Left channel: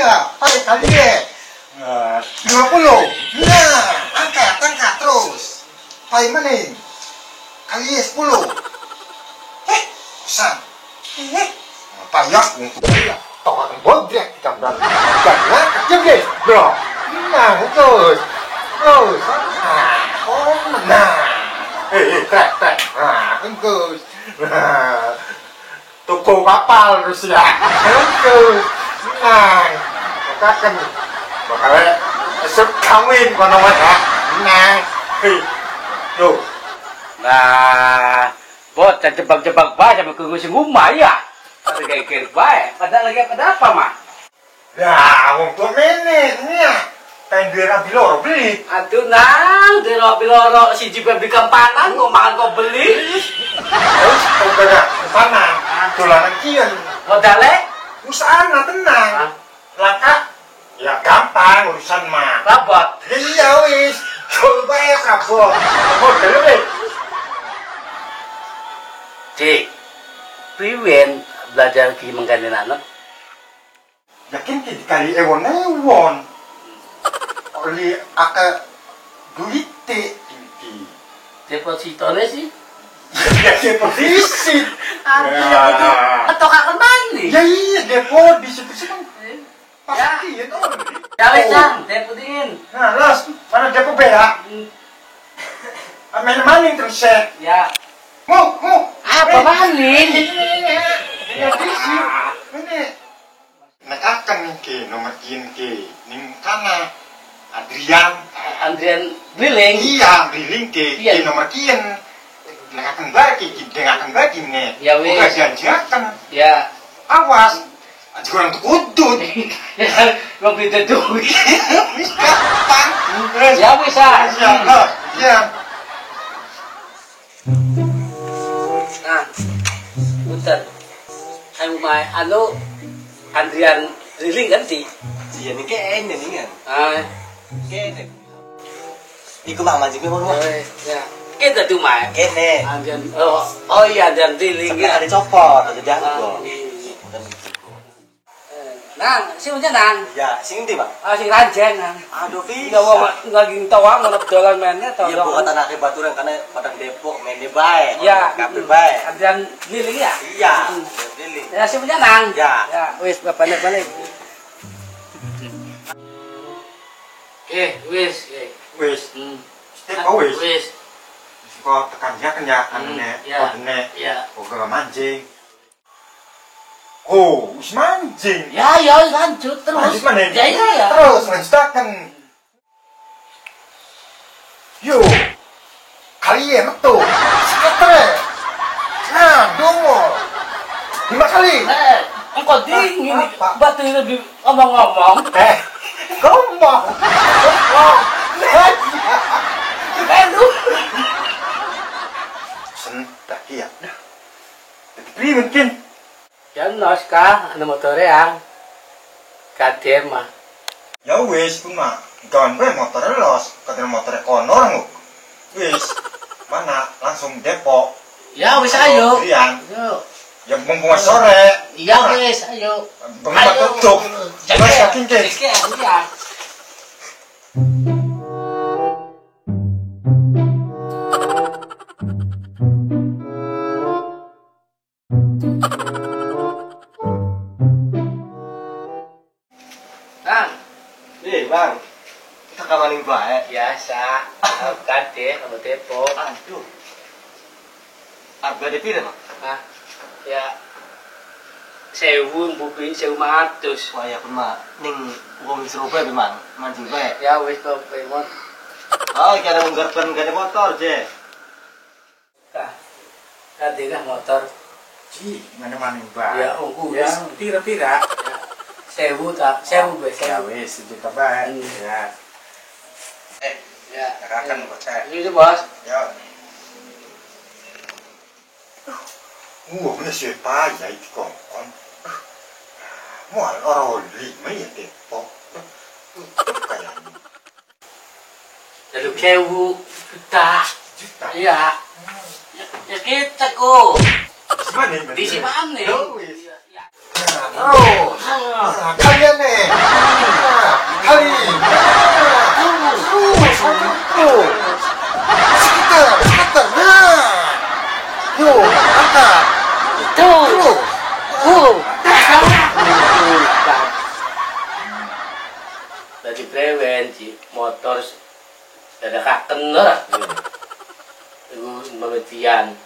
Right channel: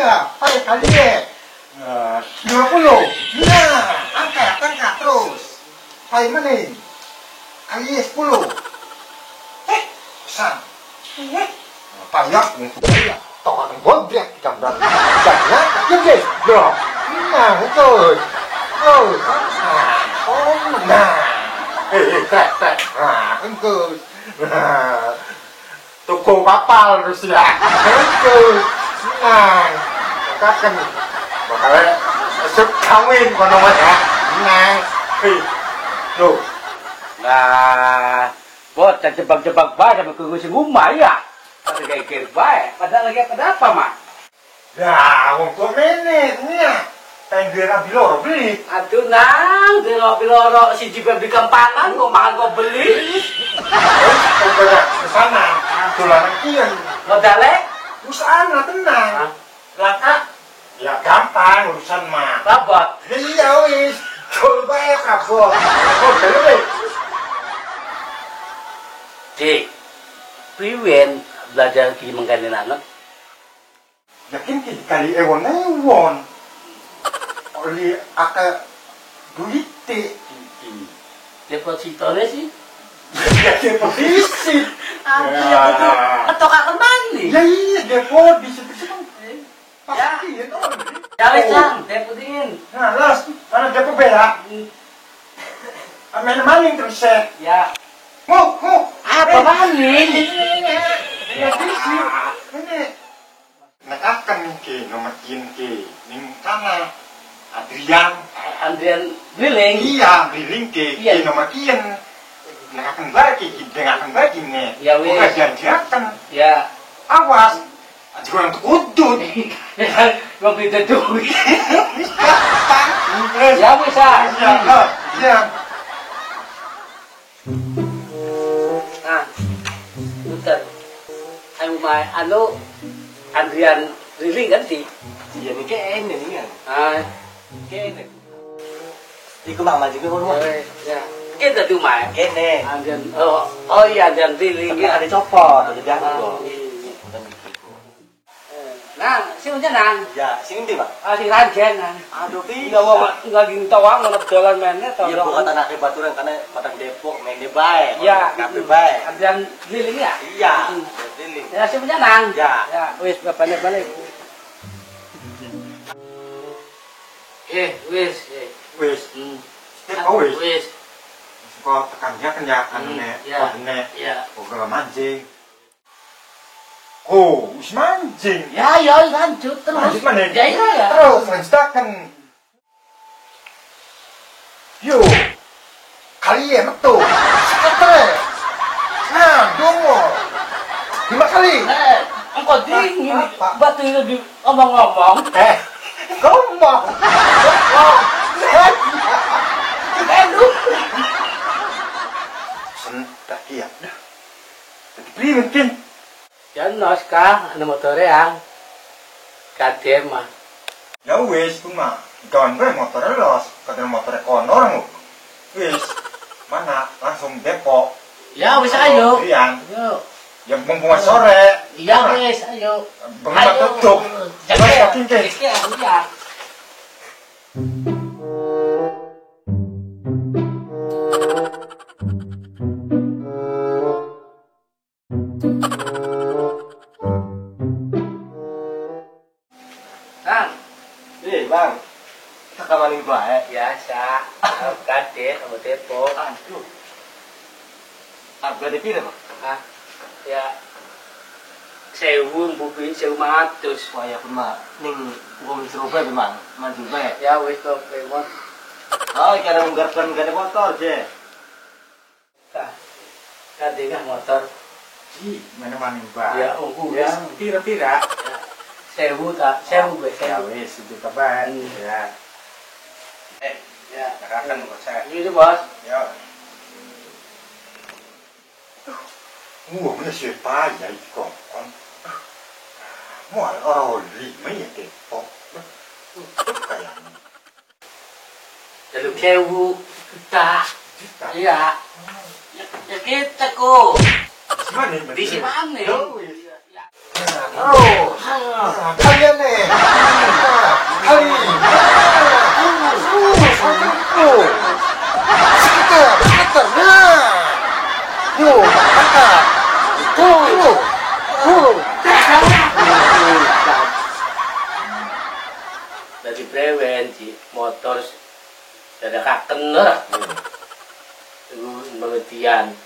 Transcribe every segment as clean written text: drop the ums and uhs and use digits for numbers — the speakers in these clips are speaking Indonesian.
Iya, pakai kali ya. 50. Iya, angkat terus. Pakai mana? Kali 10. San. Payah untuk dia. Tolong bodrek kita berat. Karena diam deh, bro. Nah, betul. Oh, nah. Krek. Nah, engkau. Nah. Toko kapal Rusia. Engkau. Nah. Makakan. Makanya esok kawin kono ya. Nah. Tuh. Nah, bot jebak-jebak bae sampe ke sing omah ya. Tapi kayak bae. Padahal lagi pada apa, Mak? Ya, wong tua nenek nya. Pengen duwe rabi loro beli. Aduh nang, delok-delok siji beli kempanan kok makan kok beli. Kok pada kesana, dolanan kian. Modale? Usahana tenang. Laka, ya gampang urusan mah. Rabot. Iya wis, coba ya kabur. Modal wis. Cik, priwen belajar ki menggandeng anak? Yakin kali ewon. Oli aka duite. Depositone sih. Ya deposisi. Ketokaken mani. Ya iya deposisi kan. Pasti ya tuh. Ya wis Kang, depotin. Nah, las, mana depo bela? Main maning terus ya. Ya. Mau. Apa maning? Deposisi. Ini. Nek akan ke nomor ke ning kana Andrian Drilling. Iya, Drilling ke nomor kian. Nek akan bagi, nih. Ya wis. Bukan janjikan. Ya. Awas. Aja orang tukudut. Wong beda duit. Gampang. Ya bisa. Iya. Nah, putar. Ayo main Andrian Drilling kan sih? Iya nih kayaknya nih kan. Kayaknya. Iku mah manjing kowe ngono. Ya. Kita tuh main. Kene. Andrian oh iya Andrian Drilling. Ada copot, ada jago. Nang, sing nang. Ya, sing ndi, Pak? Sing ranjen nang. Aduh, bisa. Ya wong lagi tawang nang dolan meneh to. Iya, bukan tanah baturan karena Padang Depok mainnya bae. Iya, kabeh bae. Andrian Drilling ya? Iya, Drilling. Ya sing nang. Ya. Ya, wis balik. Wis. Wis. Wis. Kok tekan ya anune, kodene. Iya. Kok mancing. Oh, wis mancing. Ya, lanjut terus. Lanjut mana? Ya. Terus lanjutakan. Yo. Kalian betul. Setre. Nah, dongo. 5 kali. Engkau dingin. Batu lebih ngomong-ngomong. Ngomong. Aduh. Sentak iya. Tapi mungkin Ya nos kah, ada motor yang KTM mah. ya wis ku mah gawan bae motor los, katanya motor kono orang wis mana langsung Depok. Ya wis ayo. Rian. Yuk. Ya mumpung sore. Iya wis ayo. Bengi tutup. Jangan yakin ke. Iya. Bang. Kita kamaning bae. Biasa. Kade sama Depok. Aduh. Harga pira, Pak? Hah? Ya 1000 bubi 1500. Wah, ya pun mah ning wong Surabaya memang manjul bae. Ya wis to premon. Oh, kira nggarpan gade motor, Je. Kade kan motor. Ji, mana maning bae. Ya wis pira-pira. 1000 tak 1000 wis. Ya wis itu bae. Ya. Ya, akan bocah. Ini bos. Ya. Bener sih payah itu kongkong. Mual orang lima ya Depok. Kayaknya. Lalu kewu kita. Iya. Ya kita kok. Gimana? Di sini. Oh, kalian nih. sekali. Sekitar. Nah. Yuk, angkat. Dari brewen si motor ada kaken ora. Iku pengertian.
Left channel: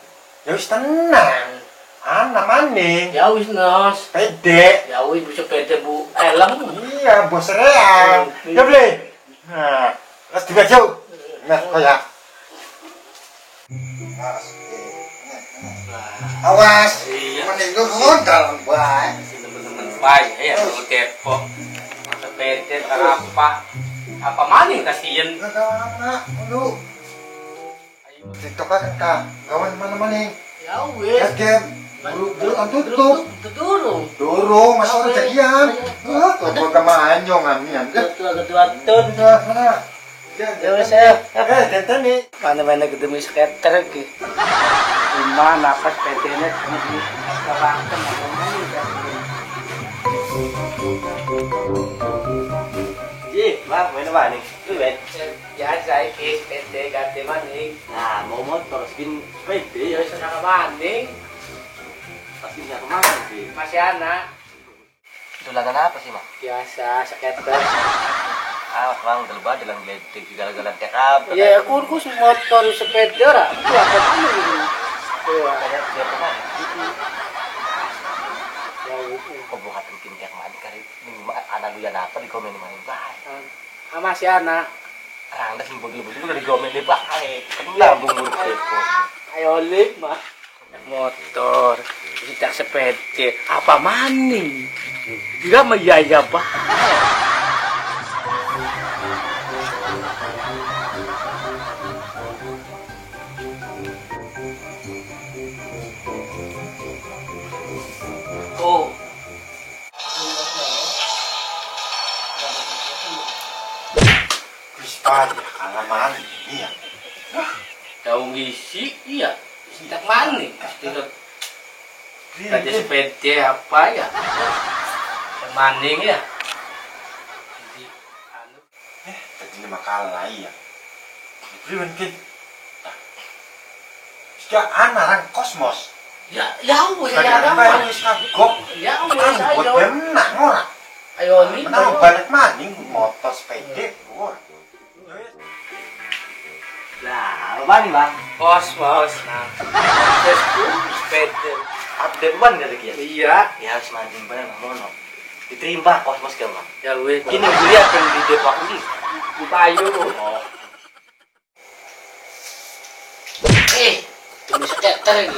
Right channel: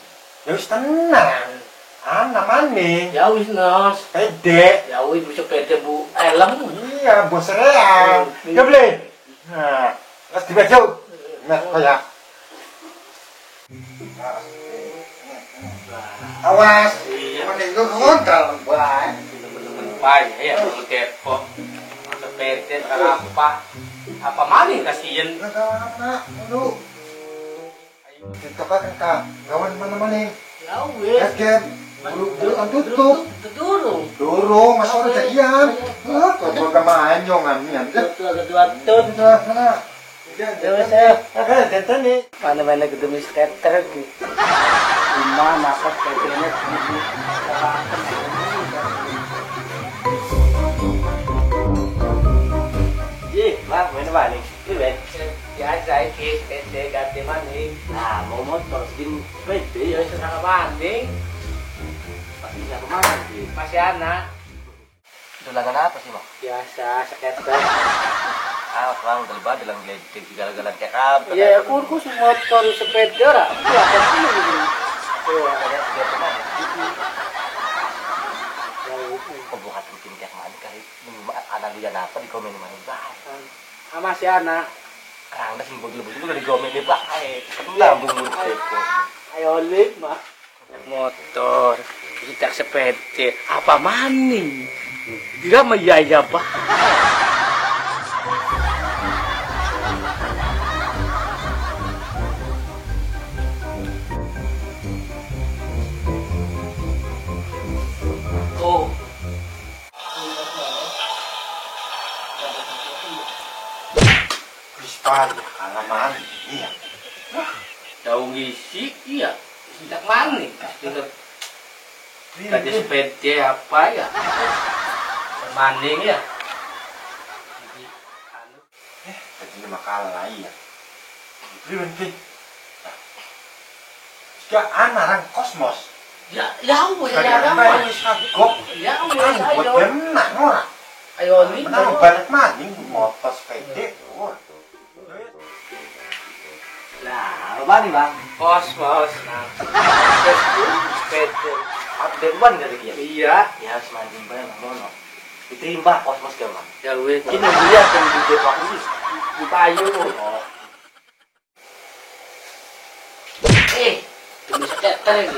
Ya wis tenang. Anak maning. Ya wis nos. Pede. Ya wis bisa pede Bu. Elem. Iya, bos reang. Ya boleh. Nah, let's dibaju. Nah, kayak. Awas. Mending gue ngontal, Bang. Temen-temen baik ya kalau depok. Masa pede apa maning kasihan. Anak, lu. TikTok kan kak, kawan mana-mana. Ya wis. Gas game. Dulu kan tutup. Durung. Masa orang jadian. Kok gue main jongan nih. Ketua-ketua. Sana. Ya wis ya. Tenten nih. Mana-mana ketemu skater iki. Rumah napas pedenya di kelakan. Bang, main apa nih? Lu Ben? Ya saiki pede ganti maning. Nah, mau motor segini pede Ya ya. wis nang maning. Pasti nggak kemana sih? Masih anak. Dolanan apa sih, Bang? Biasa skater. Bang, galba dalam geledek gagal-galan kayak apa? Ya kurkus motor sepeda ora. Itu apa mana gitu. Tuh ada Biar kemana? ya itu. Kok bukan bikin kayak mana kali? Anak lu yang apa di komen main baik? Masih anak. Anda sembunyi-sembunyi juga di komen nih, Bang. Kan lambung mulut kepo. Ayo lip mah. Motor, tidak sepeda, apa maning? Dia meyaya bah. Oh, Wis payah, alaman. Iya. daun isi, iya. Tidak maning. Tidak Kaja sepeda apa ya? Maning ya. Jadi anu Tadi lima kalah iya. Priwen kin. Sejak anak kosmos. ya wes ya Kadang ada. wis kagok. Ya Kan wes buat ayo. benang ora. Ayo nih. Menang balik maning motor sepeda. Wah. Nah, apa nih, Bang? Kosmos. Nah. Facebook sepeda. Update ban kata dia. Iya. Ya harus manding bareng mono. Diterima kosmos ke, Bang. Ya wes kini lihat yang di Depok ini. Di Payu. Oh. Demi skater ini.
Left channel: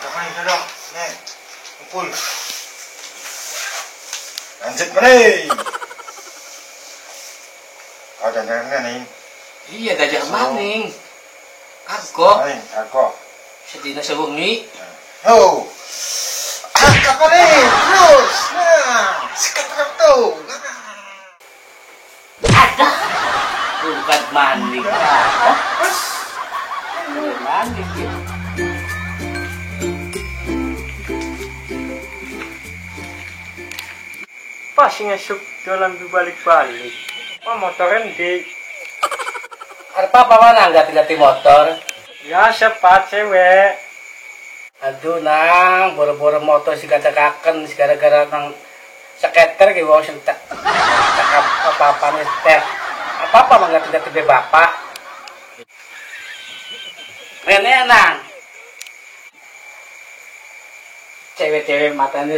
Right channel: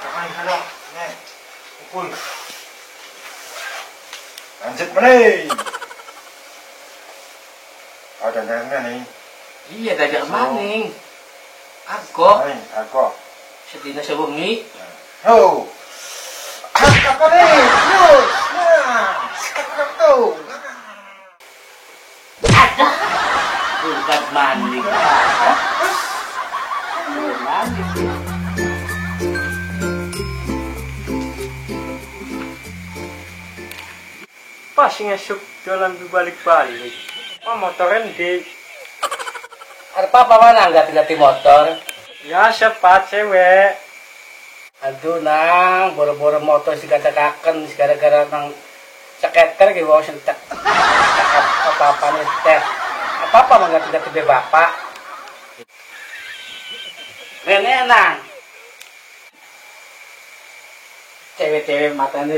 Jangan kalau nih. Kumpul. Lanjut meneh. Ada jangan nih. Iya dajak maning. Aku Aku. sedina sewengi. Oh. Apa nih? Terus. Nah, sekarang tuh. Ada. Bukan maning. Bukan maning. Pas ngesuk jalan berbalik-balik. Motornya di Apa mana ganti motor? ya cepat cewek. Aduh nang, boro-boro motor si kacakaken gara-gara nang skater ki wong sing tak apa-apa nih teh. Apa-apa mah ganti bapak. Rene nang. Cewek-cewek mata ini